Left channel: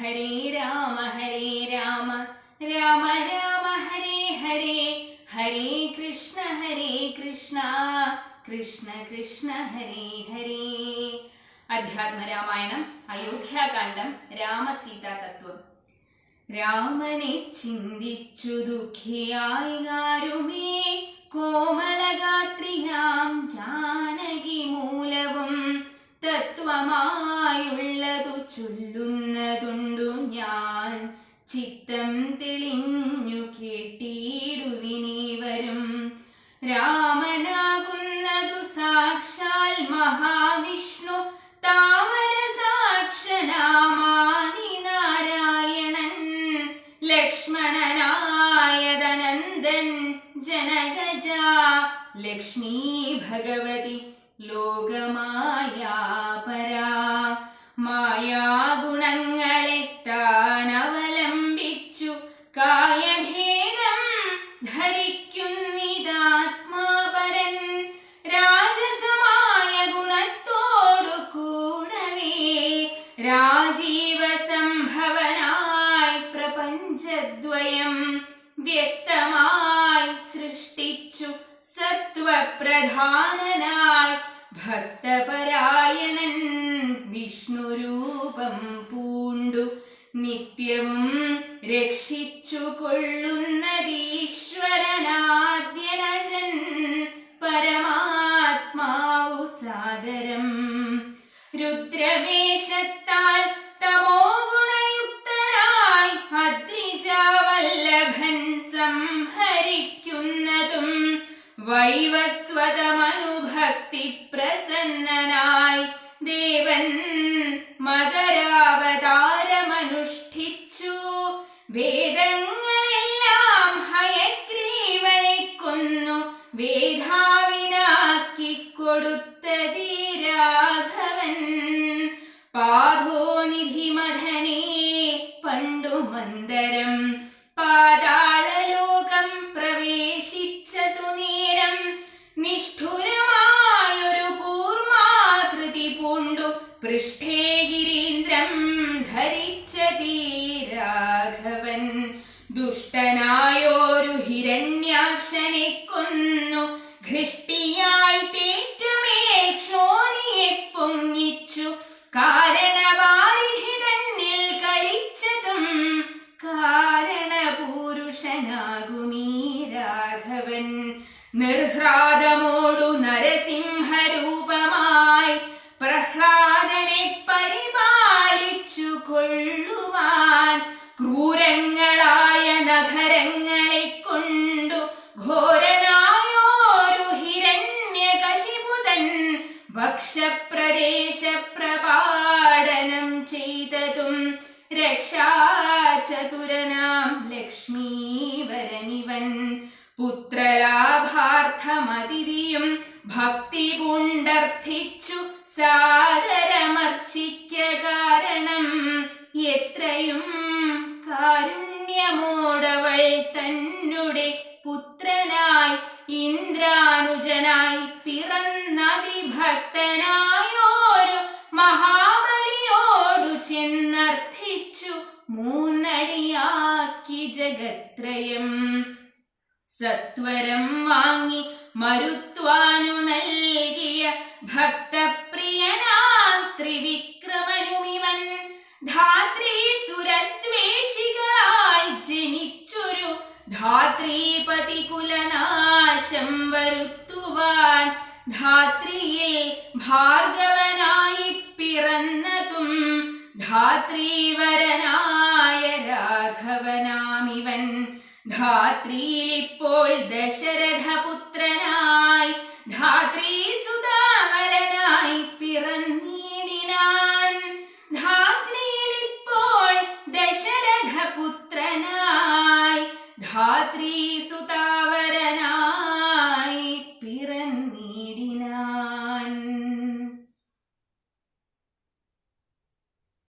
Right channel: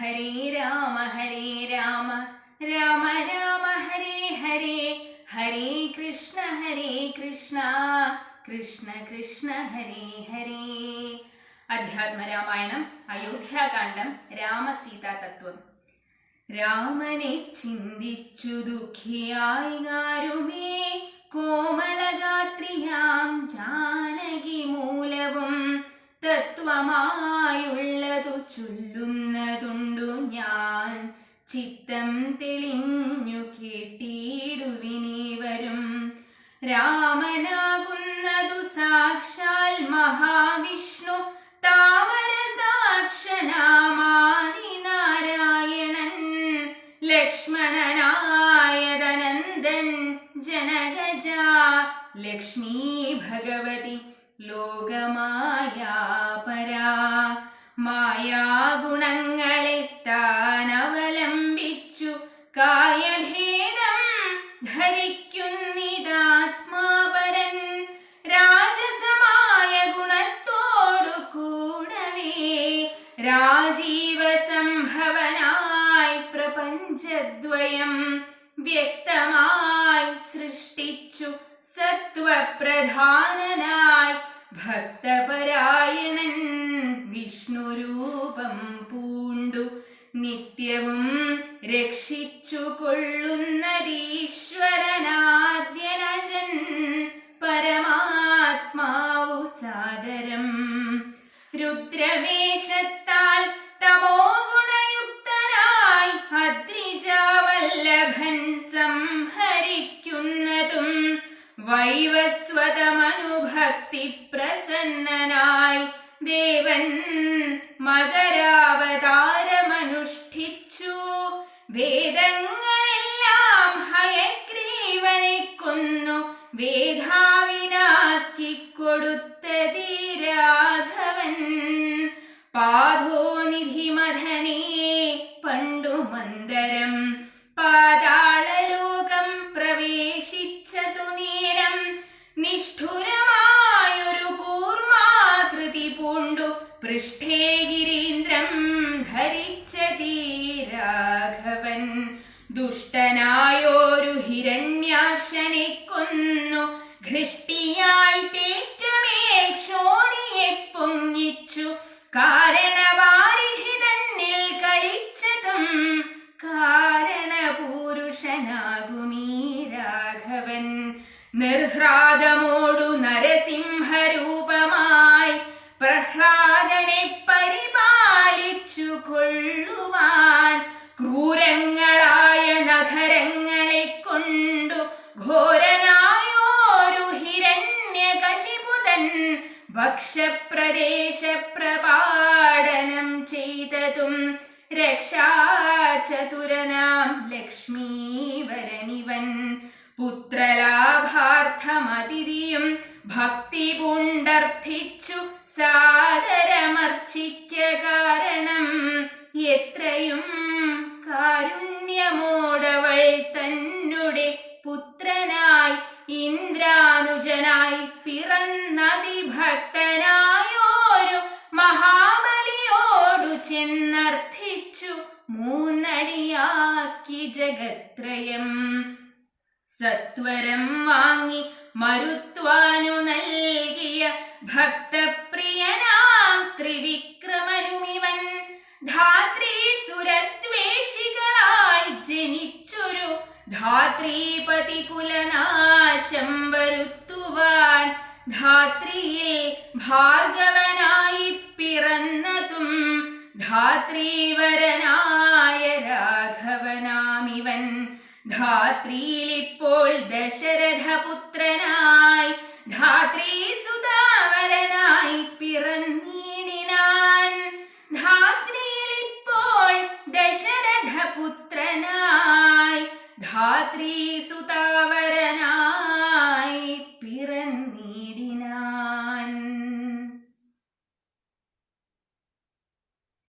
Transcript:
ഹരേ രാമ ഹരേ രാമ. രാമ രാമ ഹരേ ഹരേ. ഹരേ കൃഷ്ണ ഹരേ കൃഷ്ണ. കൃഷ്ണ കൃഷ്ണ ഹരേ ഹരേ. അധ്യാത്മരാമായണം അയോധ്യാകാന്ഡം രാമസീതാ തത്വം രാമനെ ചിന്തിച്ചു ദുഃഖിയായി ആരുമേ കോമളഗാത്രിയാം ജാനകി മൂലവും തത്വമായുള്ളതു ഞാൻ ചിത്തം തെളിഞ്ഞു കേട്ടിടുവിനീവരും രാമനാകുന്നതു സാക്ഷാൽ മഹാവിഷ്ണു താമര സാക്ഷനാമാതി നാരായണൻ ലക്ഷ്മണനായതനന്ദൻ ജനകജ ലക്ഷ്മീ ഭഗവതി ലോകമായാ പരാ. മായാഗുണങ്ങളെ പ്രപഞ്ചദ്വയം വ്യക്തമായി സൃഷ്ടിച്ചു സത്വപ്രധാനനായി ഭക്തപരായണൻ വിഷ്ണുരൂപം പൂണ്ടു നിത്യവും രക്ഷിച്ചു കൊള്ളുന്നതീശ്വരനാദ്യനജൻ വൈവസ്വതമനുഭക്തി പ്രസന്നനായി ദേവൻ മകരാവതാരമനുഷ്ഠിച്ചു വേദങ്ങളെല്ലാം ഹയഗ്രീവനെ കൊന്നു വേധാവിനാക്കി കൊടുത്തതി രാഘവൻ. പാധോനിധി ദുഷ്ടനായോരു ഹിരണ്യാക്ഷനെ കൊന്നു ഘൃഷ്ടിയായി തേറ്റമേൽ ക്ഷോണിയെ പൊങ്ങിച്ചു. കാരണവാരിധി തന്നിൽ കളിച്ചതും കാരണപൂരുഷനാകുമീ രാഘവൻ. നിർഹ്രാദമോടു നരസിംഹരൂപമായി ഭക്ഷപ്രദേശ പ്രപാടനം ചെയ്തതും രക്ഷാചതുരനാം ലക്ഷ്മീവരനിവൻ. പുത്രലാഭാർത്ഥമതിരിയും ഭക്തി പൂണ്ടർത്ഥിച്ചു സാദരമർച്ചിക്ക കാരണം എത്രയും കാരുണ്യമോടവൾ തന്നുടെ മഹാബലിയോടു ചെന്നർത്ഥിച്ചു മൂന്നടിയാക്കി ജഗത്രയം. സത്വരം വാങ്ങി മരുത്വാനു നൽകിയ ഭക്തപ്രിയനാം ത്രിവിക്രമനുമിവൻ. ധാത്രി സുരദ്വേഷികളായി ജനിച്ചൊരു ധാത്രീപതി കുലനാശം വരുത്തുവാൻ ധാത്രിയെ ഭാർഗവനായി രാഘവനാമിവൻ ധാത്രിയിലിപ്പോൾ ദശരഥപുത്രനായി ധാത്രീ